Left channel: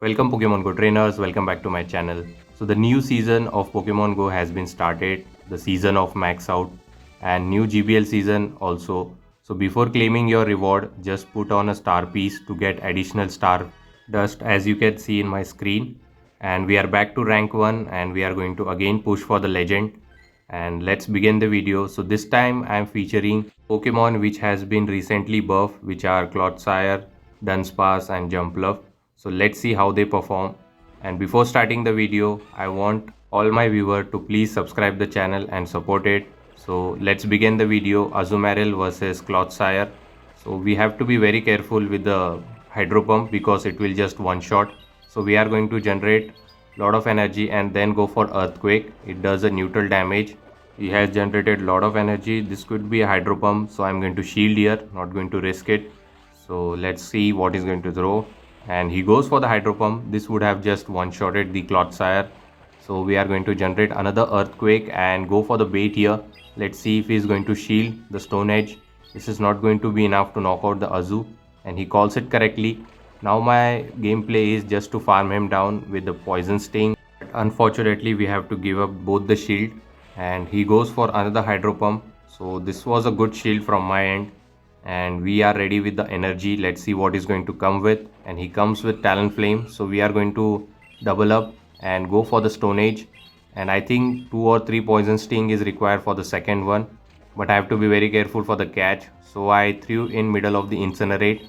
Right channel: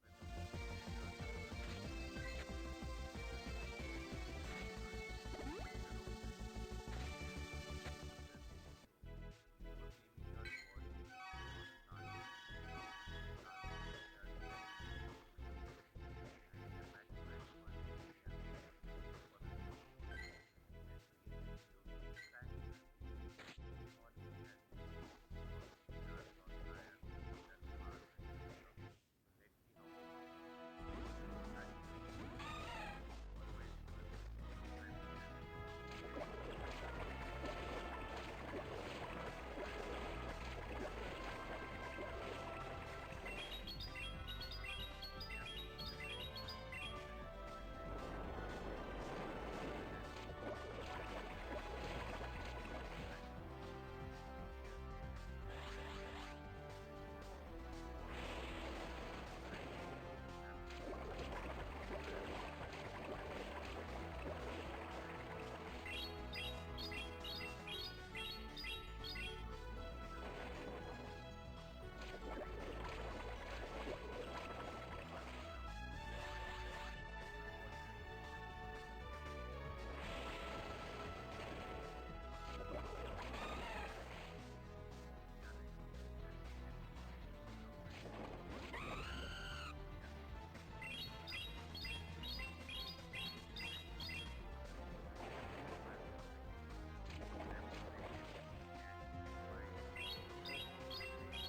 Welcome Pokemon Go trainers, welcome back to my channel. So the new season of Pokemon Go has been started, the season of Max Out and new GBL season also. So before claiming your reward, just put on a star piece to get additional star dust as you can see in my screen. And we are back to rank 1 and we are going to again push for the legend. And let's begin the video. So this time I am featuring Pokemon which has been recently buffed, which are Clodsire, Dunsparce and Jumpluff. So let's see how they perform. And before starting the video, I want all my viewers to please subscribe the channel and support it. So let's begin the video. Azumarill versus Clodsire. So we have to be very careful with the Hydro Pump because it will just one shot. So we are going to generate lot of energy and then go for Earthquake. It does a neutral damage. He has generated lot of energy. This could be a Hydro Pump, so I'm going to shield here, not going to risk it. So let's see what he's going to throw. And he goes for the Hydro Pump. This would have just one-shotted the Clodsire. So we are going to generate another Earthquake and go for the bait here. Let's see if he's going to shield the Stone Edge. This is not going to be enough to knock out the Azu, and he calls it correctly. Now my gameplay is just to farm him down with the Poison Sting. But unfortunately we have to give up both the shield, and he goes for another Hydro Pump. So this was a good shield from my end, and we are ready with the energy. Let's see what he's going to come with, and he comes with Talonflame. So we are going to double up and go for the Stone Age, and I think 2 or 3 Poison Sting is required for the second one, but I have to be very careful for the catch. So I threw in middle of the Incinerate.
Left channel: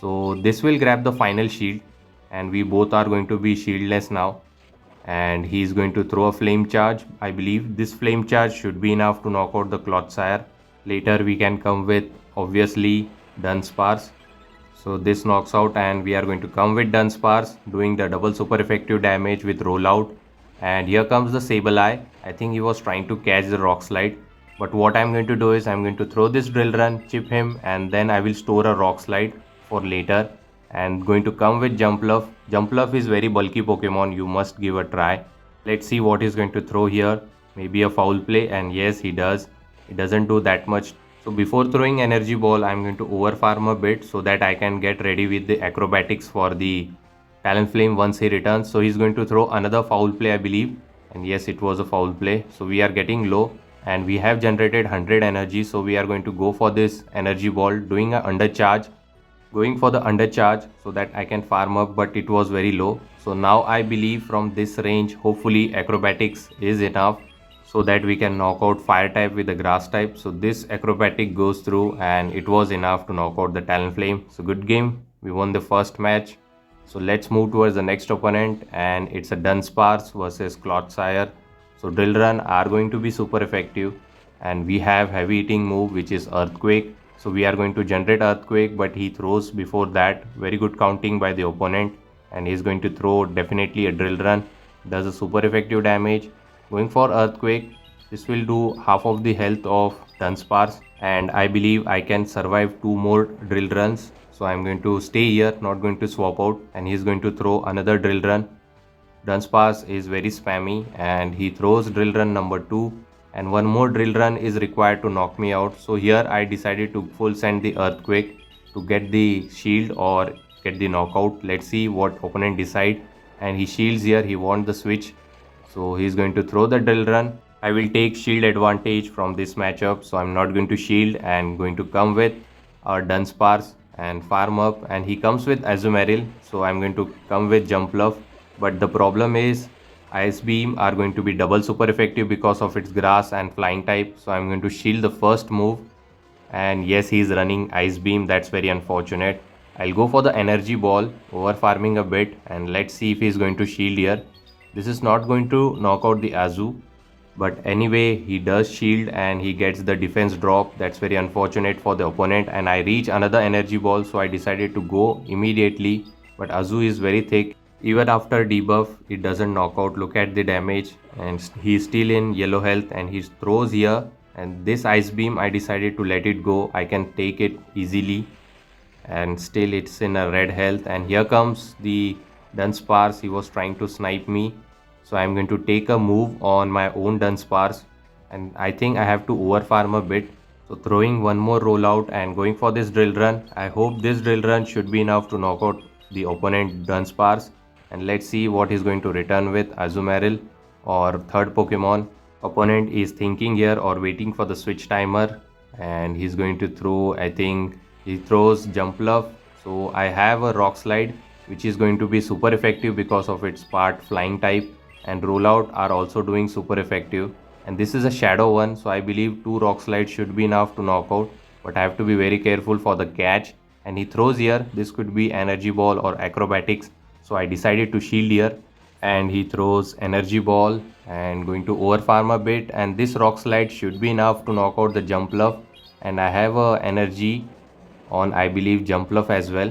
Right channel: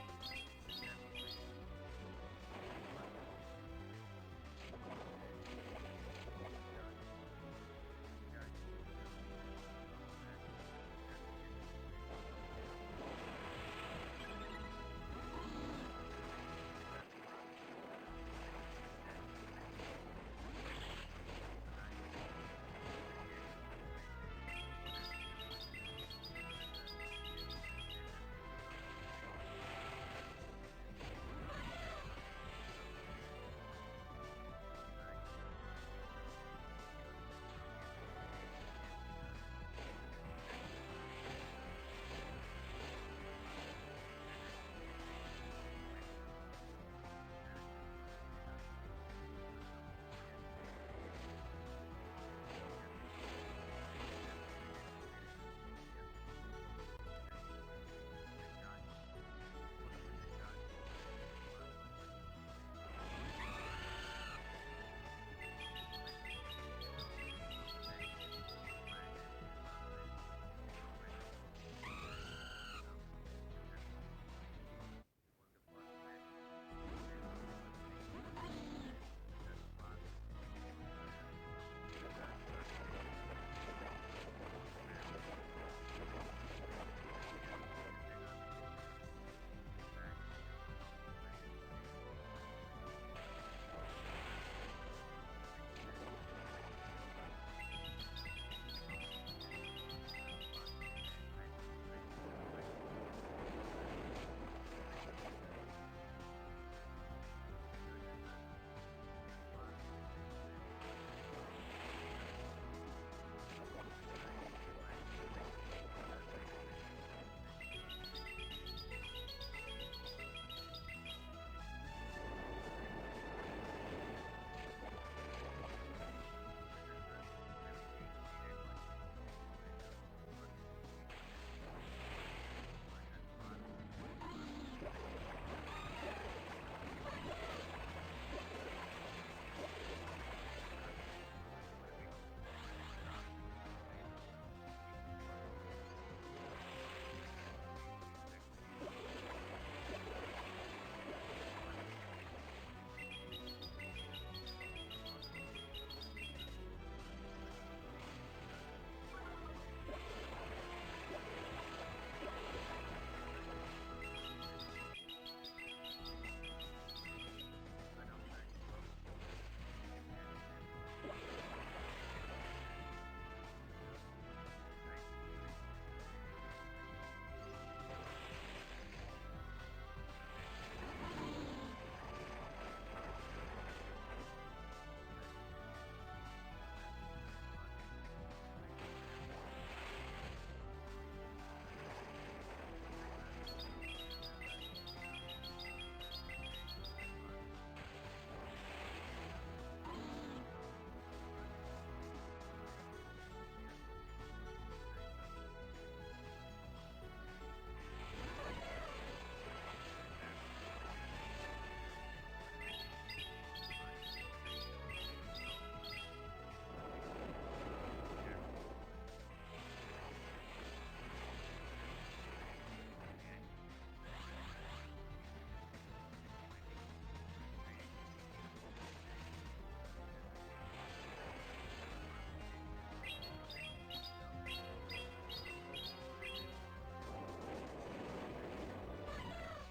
So this will grab the final shield, and we both are going to be shieldless now. And he's going to throw a flame charge. I believe this flame charge should be enough to knock out the Clodsire. Later we can come with obviously Dunsparce. So this knocks out, and we are going to come with Dunsparce doing the double super effective damage with rollout. And here comes the Sableye. I think he was trying to catch the Rock Slide, but what I'm going to do is I'm going to throw this Drill Run, chip him, and then I will store a Rock Slide for later. And going to come with Jumpluff. Jumpluff is very bulky Pokemon, you must give a try. Let's see what he's going to throw here. Maybe a foul play, and yes, he does. It doesn't do that much. So before throwing Energy Ball, I'm going to overfarm a bit so that I can get ready with the acrobatics for the Talonflame once he returns. So he's going to throw another foul play, I believe. And yes, it was a foul play. So we are getting low, and we have generated 100 energy. So we are going to go for this Energy Ball, doing an undercharge. Going for the undercharge so that I can farm up, but it was very low. So now I believe from this range, hopefully acrobatics is enough so that we can knock out fire type with the grass type. So this acrobatic goes through, and it was enough to knock out the Talonflame. So good game, we won the first match. So let's move towards the next opponent, and it's a Dunsparce versus Clodsire. So Drill Run are going to be super effective, and we have heavy hitting move which is Earthquake. So we are going to generate Earthquake, but he throws before that. Very good counting by the opponent, and he's going to throw definitely a Drill Run. Does a super effective damage. Going for Earthquake, this will do half of the health of Dunsparce, and I believe I can survive 2 more Drill Runs. So I'm going to stay here, not going to swap out, and he's going to throw another Drill Run. Dunsparce is very spammy, and he throws Drill Run number 2, and one more Drill Run is required to knock me out. So here I decided to full send the Earthquake to get the shield or get the knockout. Let's see what opponent decide. And he shields here, he wants the switch. So he's going to throw the Drill Run. I will take shield advantage from this matchup, so I'm not going to shield and going to come with our Dunsparce and farm up. And he comes with Azumarill, so I'm going to come with Jumpluff. But the problem is Ice Beam are going to be double super effective because of its grass and flying type. So I'm going to shield the first move, and yes, he's running Ice Beam. That's very unfortunate. I'll go for the Energy Ball, over farming a bit, and let's see if he's going to shield here. This is not going to knock out the Azu, but anyway he does shield and he gets the defense drop. That's very unfortunate for the opponent, and I reach another Energy Ball, so I decided to go immediately, but Azu is very thick. Even after debuff, it doesn't knock out. Look at the damage, and he's still in yellow health, and he throws here, and this Ice Beam I decided to let it go. I can take it easily, and still it's in a red health. And here comes the Dunsparce. He was trying to snipe me, so I'm going to take a move on my own Dunsparce, and I think I have to overfarm a bit. So throwing one more rollout and going for this Drill Run. I hope this Drill Run should be enough to knock out the opponent Dunsparce. and let's see what he's going to return with. Azumarill or third Pokemon. Opponent is thinking here or waiting for the switch timer, and he's going to throw, I think he throws Jumpluff. So I have a Rock Slide which is going to be super effective because of its part flying type, and Rollout are also doing super effective. And this is a shadow one, so I believe 2 Rock Slides should be enough to knock out, but I have to be very careful for the catch. And he throws here, this could be Energy Ball or Acrobatics, so I decided to shield here. And he throws Energy Ball and going to overfarm a bit, and this Rock Slide should be enough to knock out the Jumpluff. And I have a energy on, I believe, Jumpluff as well,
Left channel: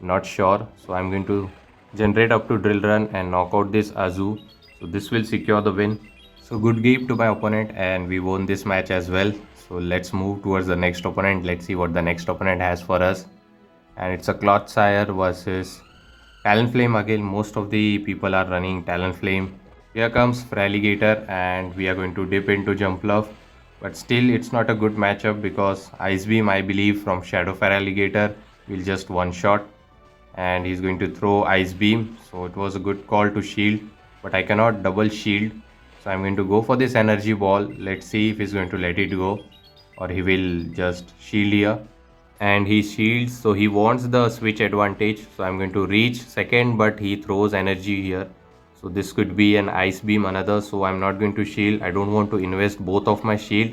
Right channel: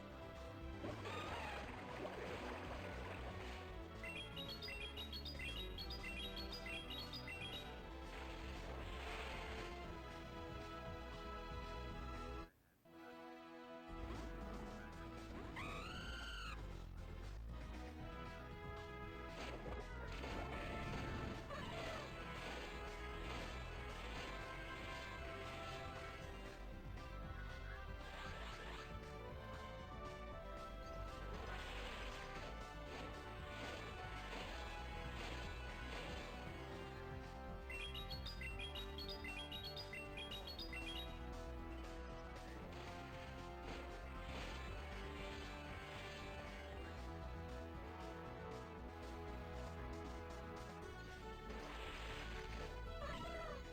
not sure. So I'm going to generate up to Drill Run and knock out this Azu. So this will secure the win. So good game to my opponent, and we won this match as well. So let's move towards the next opponent. Let's see what the next opponent has for us. And it's a Clotsire versus Talonflame again. Most of the people are running Talonflame. Here comes Fraligator, and we are going to dip into Jumpluff. But still, it's not a good matchup because Ice Beam, I believe, from Shadow Fraligator will just one shot. And he's going to throw Ice Beam. So it was a good call to shield, but I cannot double shield. So I'm going to go for this Energy Ball. Let's see if he's going to let it go or he will just shield here. And he shields, so he wants the switch advantage. So I'm going to reach second, but he throws energy here. So this could be an Ice Beam another, so I'm not going to shield. I don't want to invest both of my shield.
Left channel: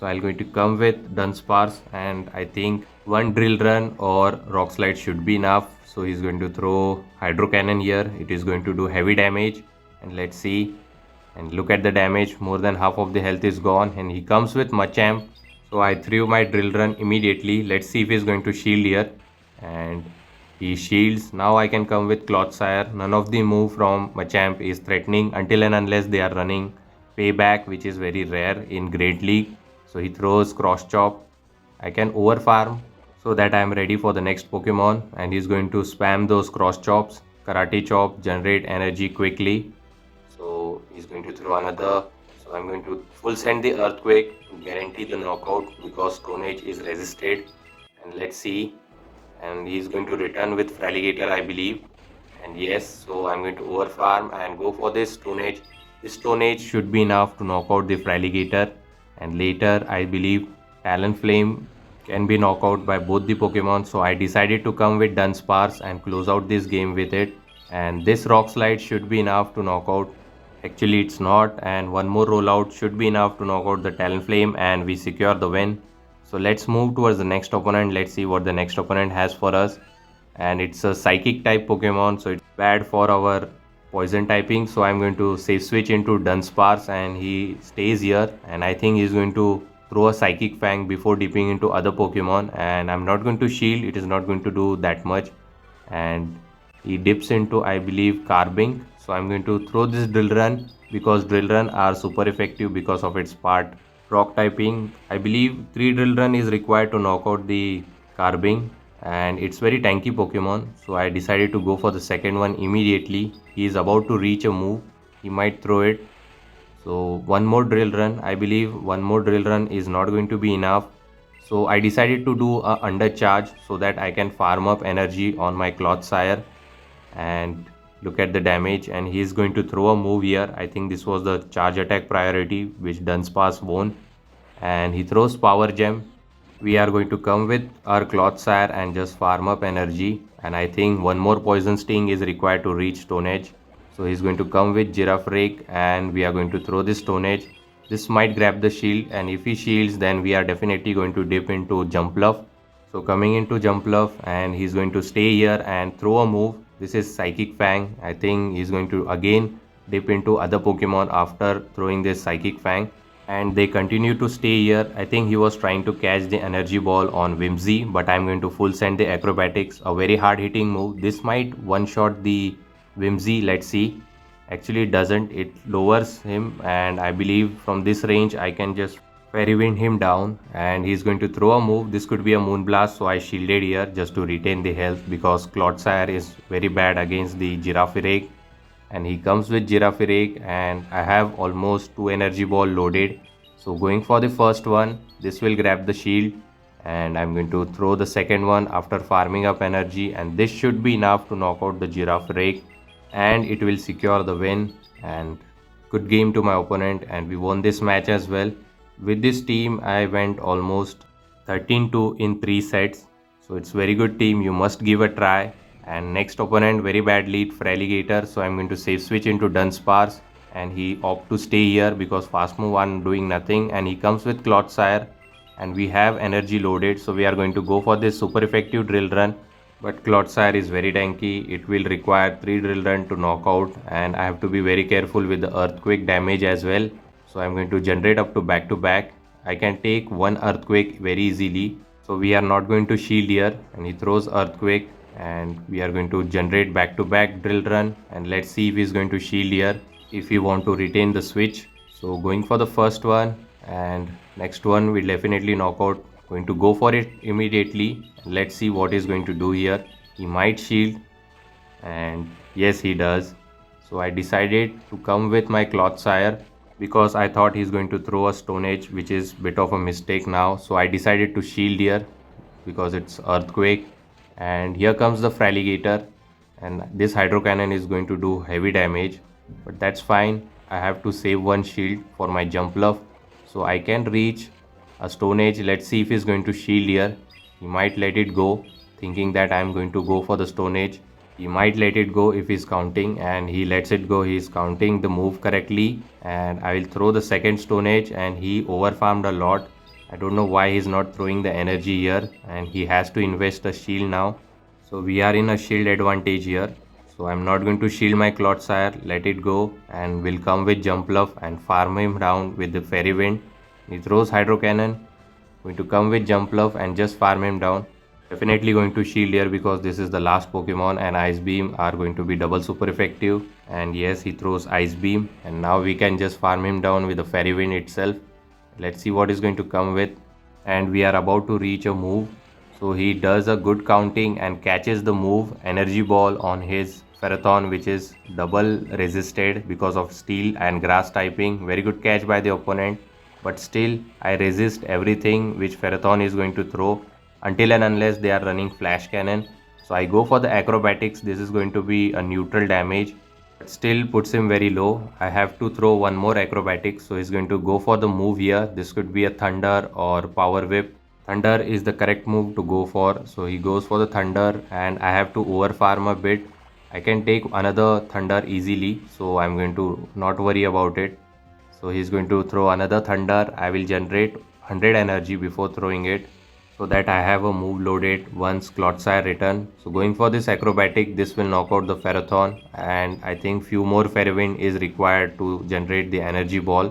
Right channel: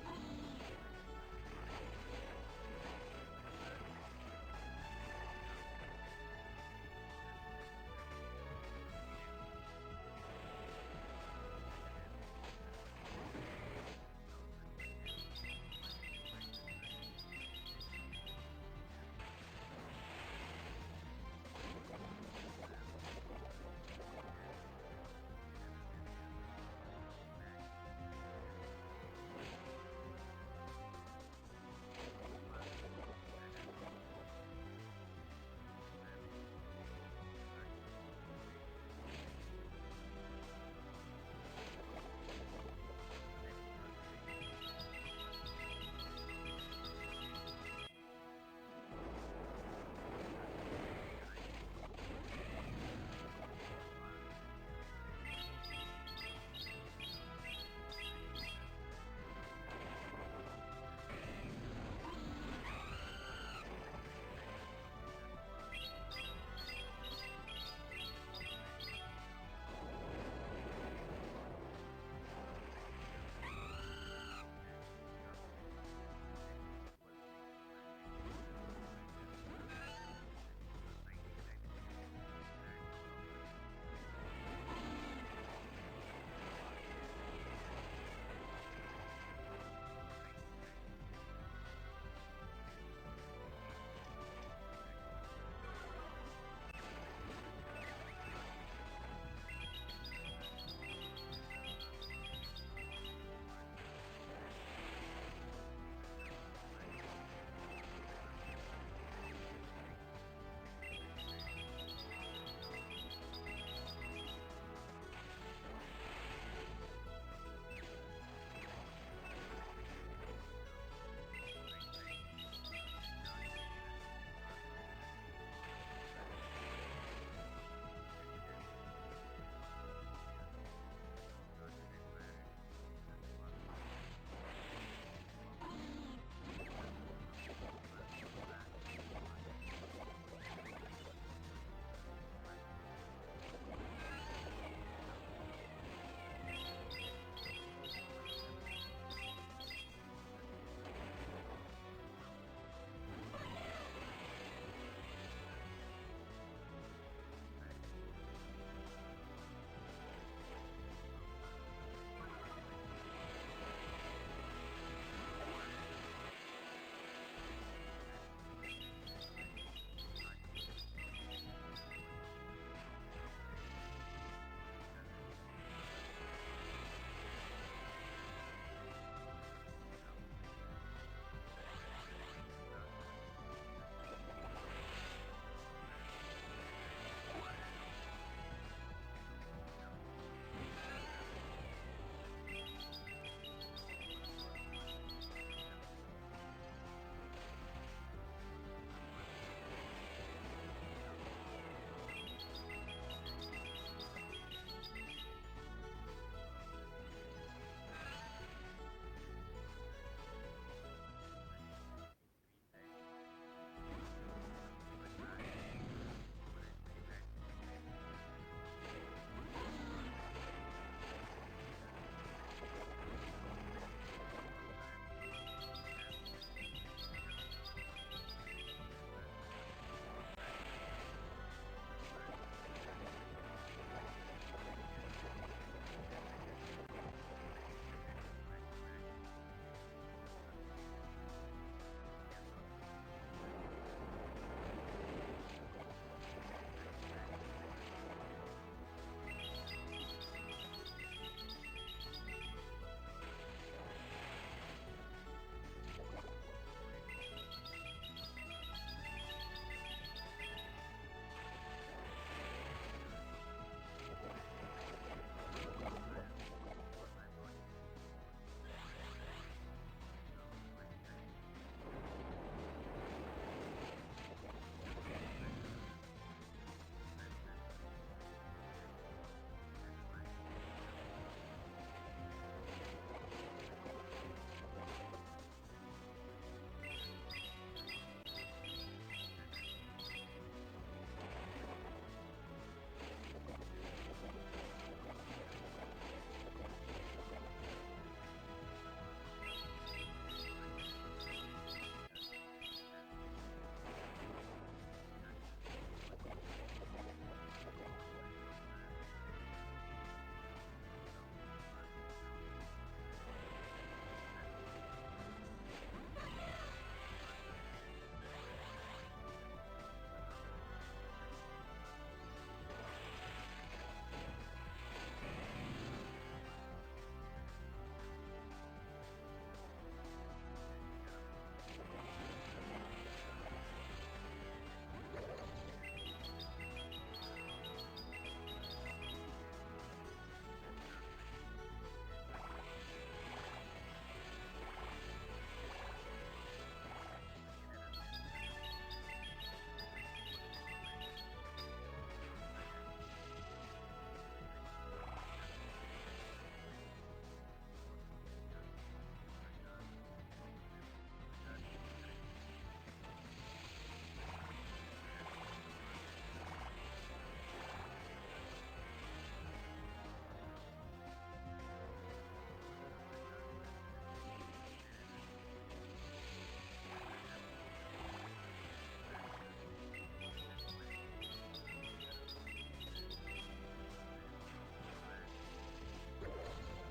So I'm going to come with Dunsparce, and I think one Drill Run or Rock Slide should be enough. So he's going to throw Hydro Cannon here. It is going to do heavy damage, and let's see. And look at the damage, more than half of the health is gone. And he comes with Machamp, so I threw my Drill Run immediately. Let's see if he's going to shield here, and he shields. Now I can come with Clotsire. None of the move from Machamp is threatening until and unless they are running Payback, which is very rare in Great League. So he throws Cross Chop. I can overfarm so that I am ready for the next Pokemon, and he's going to spam those Cross Chops. Karate Chop, generate energy quickly. So he's going to throw another. So I'm going to full send the Earthquake to guarantee the knockout because Stone Age is resisted. And let's see. And he's going to return with Fraligator, I believe. And yes, so I'm going to overfarm and go for this Stone Age. This Stone Age should be enough to knock out the Fraligator. And later, I believe Talonflame can be knocked out by both the Pokemon. So I decided to come with Dunsparce and close out this game with it. And this Rock Slide should be enough to knock out. Actually, it's not, and one more rollout should be enough to knock out the Talonflame, and we secure the win. So let's move towards the next opponent. Let's see what the next opponent has for us. And it's a Psychic type Pokemon, so it's bad for our Poison typing. So I'm going to safe switch into Dunsparce, and he stays here. And I think he's going to throw a Psychic Fang before dipping into other Pokemon. And I'm not going to shield, it is not going to do that much. And he dips into, I believe, Carbink. So I'm going to throw this Drill Run because Drill Run are super effective because of its part rock typing. I believe 3 Drill Run is required to knock out the Carbink, and it's very tanky Pokemon. So I decided to go for the second one immediately. He is about to reach a move. He might throw it. So one more Drill Run. I believe one more Drill Run is not going to be enough. So I decided to do a undercharge so that I can farm up energy on my Clotsire. And look at the damage, and he is going to throw a move here. I think this was the charge attack priority which Dunsparce won, and he throws Power Gem. We are going to come with our Clotsire and just farm up energy, and I think one more Poison Sting is required to reach Stone Edge. So he's going to come with Giraffrake, and we are going to throw this Stone Edge. This might grab the shield, and if he shields, then we are definitely going to dip into Jumpluff. So coming into Jumpluff, and he's going to stay here and throw a move. This is Psychic Fang. I think he's going to again dip into other Pokemon after throwing this Psychic Fang. And they continue to stay here. I think he was trying to catch the Energy Ball on Whimsy, but I'm going to full send the Acrobatics. A very hard hitting move. This might one-shot the Whimsy. Let's see. Actually it doesn't. It lowers him, and I believe from this range I can just Fairy Wind him down, and he's going to throw a move. This could be a Moonblast, so I shielded here just to retain the health because Clotsire is very bad against the Giraffrake. And he comes with Giraffrake, and I have almost 2 Energy Ball loaded. So going for the first one, this will grab the shield, and I'm going to throw the second one after farming up energy, and this should be enough to knock out the Giraffrake. and it will secure the win. And good game to my opponent, and we won this match as well. With this team I went almost 13-2 in 3 sets, so it's very good team, you must give a try. And next opponent, very bad lead for Alligator, so I'm going to safe switch into Dunsparce, and he opt to stay here because fast move I'm doing nothing, and he comes with Clotsire, and we have energy loaded, so we are going to go for this super effective drill run. But Clotsire is very tanky, it will require 3 drill run to knock out, and I have to be very careful with the earthquake damage as well. So I'm going to generate up to back. I can take one earthquake very easily, so we are not going to shield here, and he throws earthquake, and we are going to generate back to back drill run, and let's see if he's going to shield here if we want to retain the switch. So going for the first one, and next one will definitely knock out. Going to go for it immediately. Let's see what he's going to do here. He might shield, and yes, he does. So I decided to come with my Clotsire because I thought he's going to throw a Stone Age, which is bit of a mistake now. So I decided to shield here because it's earthquake. And here comes the Fraligator, and this hydro cannon is going to do heavy damage, but that's fine. I have to save one shield for my jump bluff, so I can reach a Stone Age. Let's see if he's going to shield here. He might let it go, thinking that I'm going to go for the Stone Age. He might let it go if he's counting, and he lets it go. He's counting the move correctly, and I will throw the second Stone Age, and he overfarmed a lot. I don't know why he's not throwing the energy here, and he has to invest a shield now. So we are in a shield advantage here. So I'm not going to shield my Clotsire, let it go, and will come with Jump Bluff and farm him down with the Fairy Wind. He throws Hydro Cannon, going to come with Jump Bluff and just farm him down. Definitely going to shield here because this is the last Pokemon, and Ice Beam are going to be double super effective. And yes, he throws Ice Beam, and now we can just farm him down with the Fairy Wind itself. Let's see what is going to come with. And we are about to reach a move. So he does a good counting and catches the move Energy Ball on his Ferrothorn, which is double resisted because of steel and grass typing. Very good catch by the opponent, but still I resist everything which Ferrothorn is going to throw until and unless they are running Flash Cannon. So I go for the Acrobatics. This is going to be a neutral damage, but still puts him very low. I have to throw one more Acrobatics, so he's going to go for the move here. This could be a Thunder or Power Whip. Thunder is the correct move to go for, so he goes for the Thunder, and I have to overfarm a bit. I can take another Thunder easily, so I'm going to not worry about it. So he's going to throw another Thunder. I will generate 100 energy before throwing it, so that I have a move loaded once Clotsire return. So going for this Acrobatic, this will knock out the Ferrothorn, and I think few more Fairy Wind is required to generate the Energy Ball.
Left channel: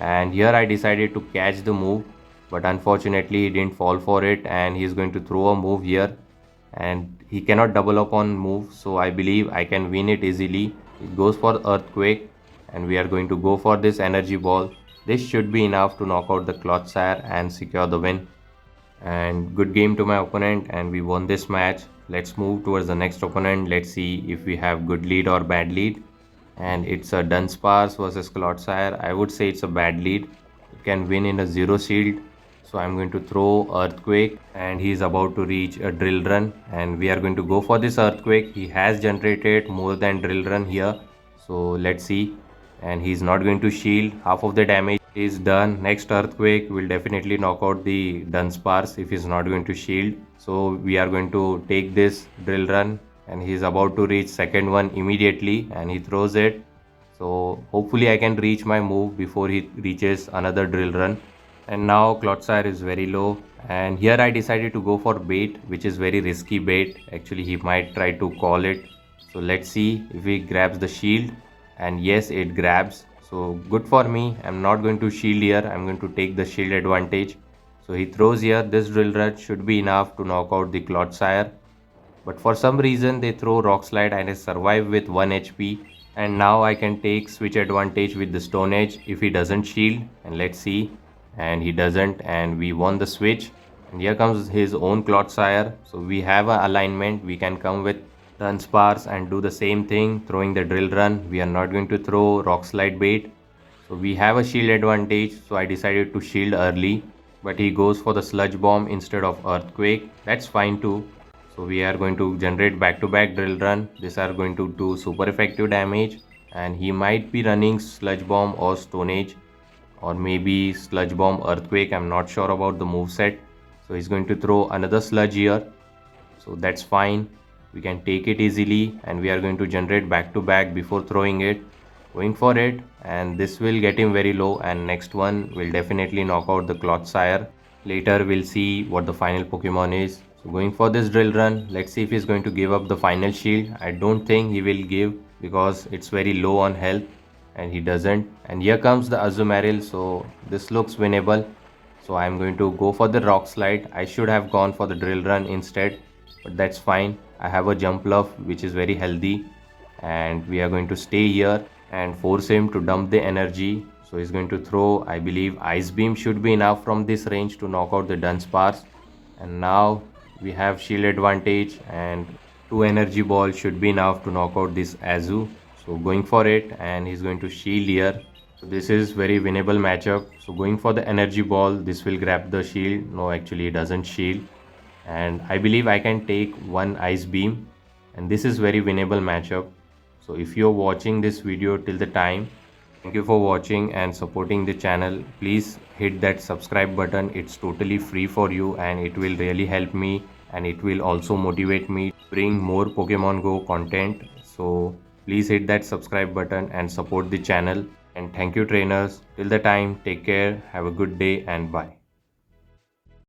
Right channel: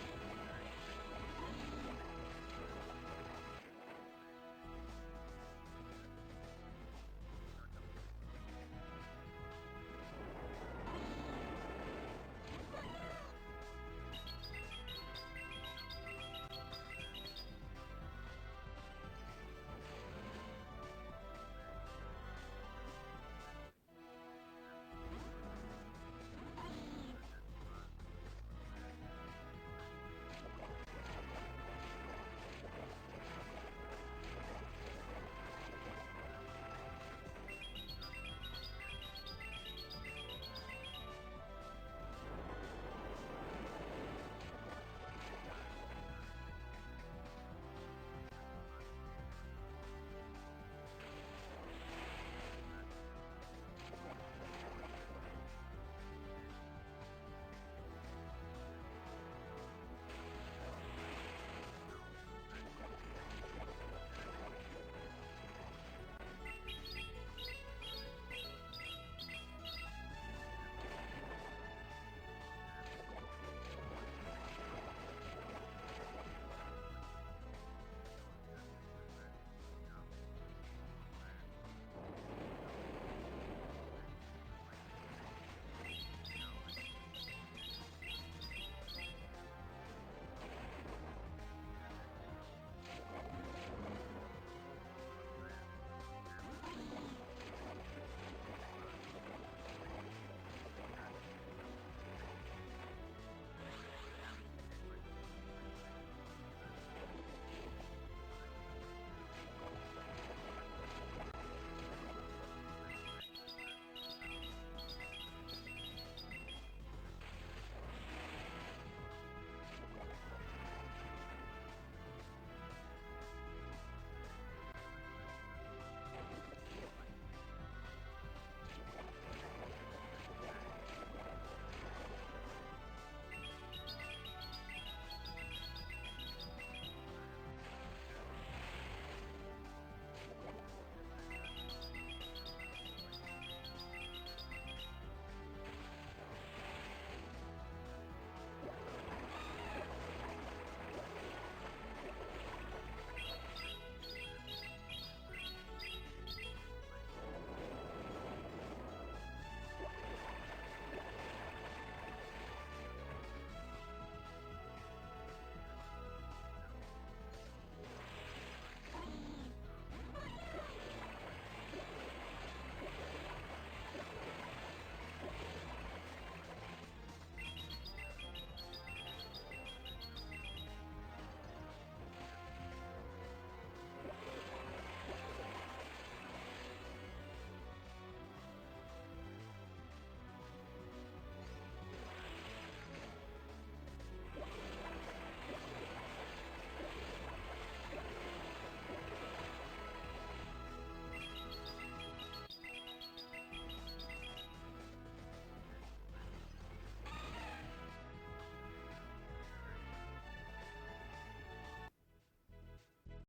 And here I decided to catch the move, but unfortunately he didn't fall for it, and he's going to throw a move here, and he cannot double up on move, so I believe I can win it easily. It goes for Earthquake, and we are going to go for this Energy Ball. This should be enough to knock out the Clotsire and secure the win. And good game to my opponent, and we won this match. Let's move towards the next opponent. Let's see if we have good lead or bad lead. And it's a Dunsparce versus Clotsire. I would say it's a bad lead. You can win in a zero shield. So I'm going to throw Earthquake, and he's about to reach a Drill Run, and we are going to go for this Earthquake. He has generated more than Drill Run here, so let's see. And he's not going to shield. Half of the damage is done. Next Earthquake will definitely knock out the Dunsparce if he's not going to shield. So we are going to take this Drill Run, and he's about to reach second one immediately, and he throws it. So hopefully I can reach my move before he reaches another Drill Run. And now Clotsire is very low, and here I decided to go for bait, which is very risky bait. Actually he might try to call it, so let's see if he grabs the shield, and yes, it grabs. So good for me. I'm not going to shield here, I'm going to take the shield advantage. So he throws here. This Drill Run should be enough to knock out the Clotsire, but for some reason they throw Rock Slide, and I survive with 1 HP. And now I can take switch advantage with the Stone Age if he doesn't shield, and let's see. And he doesn't, and we won the switch. And here comes his own Clotsire, so we have an alignment. We can come with Dunsparce and do the same thing, throwing the Drill Run. We are not going to throw Rock Slide bait, so we have a shield advantage. So I decided to shield early, but he goes for the Sludge Bomb instead of Earthquake. That's fine too. So we are going to generate back-to-back drill run. These are going to do super effective damage, and he might be running sludge bomb or stone age, or maybe sludge bomb earthquake. I'm not sure about the move set. So he's going to throw another sludge here, so that's fine. We can take it easily, and we are going to generate back to back before throwing it, going for it, and this will get him very low, and next one will definitely knock out the Clotsire. Later we'll see what the final Pokemon is. So going for this drill run, let's see if he's going to give up the final shield. I don't think he will give because it's very low on health, and he doesn't. And here comes the Azumarill, so this looks winnable. So I'm going to go for the rock slide. I should have gone for the drill run instead, but that's fine. I have a jump love which is very healthy, and we are going to stay here and force him to dump the energy. So he's going to throw, I believe Ice Beam should be enough from this range to knock out the Dunsparce. And now we have shield advantage, and 2 energy balls should be enough to knock out this Azu. So going for it, and he's going to shield here. So this is very winnable matchup. So going for the energy ball, this will grab the shield. No, actually it doesn't shield, and I believe I can take one ice beam, and this is very winnable matchup. So if you're watching this video till the time, thank you for watching and supporting the channel. Please hit that subscribe button. It's totally free for you, and it will really help me, and it will also motivate me to bring more Pokemon Go content. So please hit that subscribe button and support the channel. And thank you trainers. Till the time, take care, have a good day, and bye.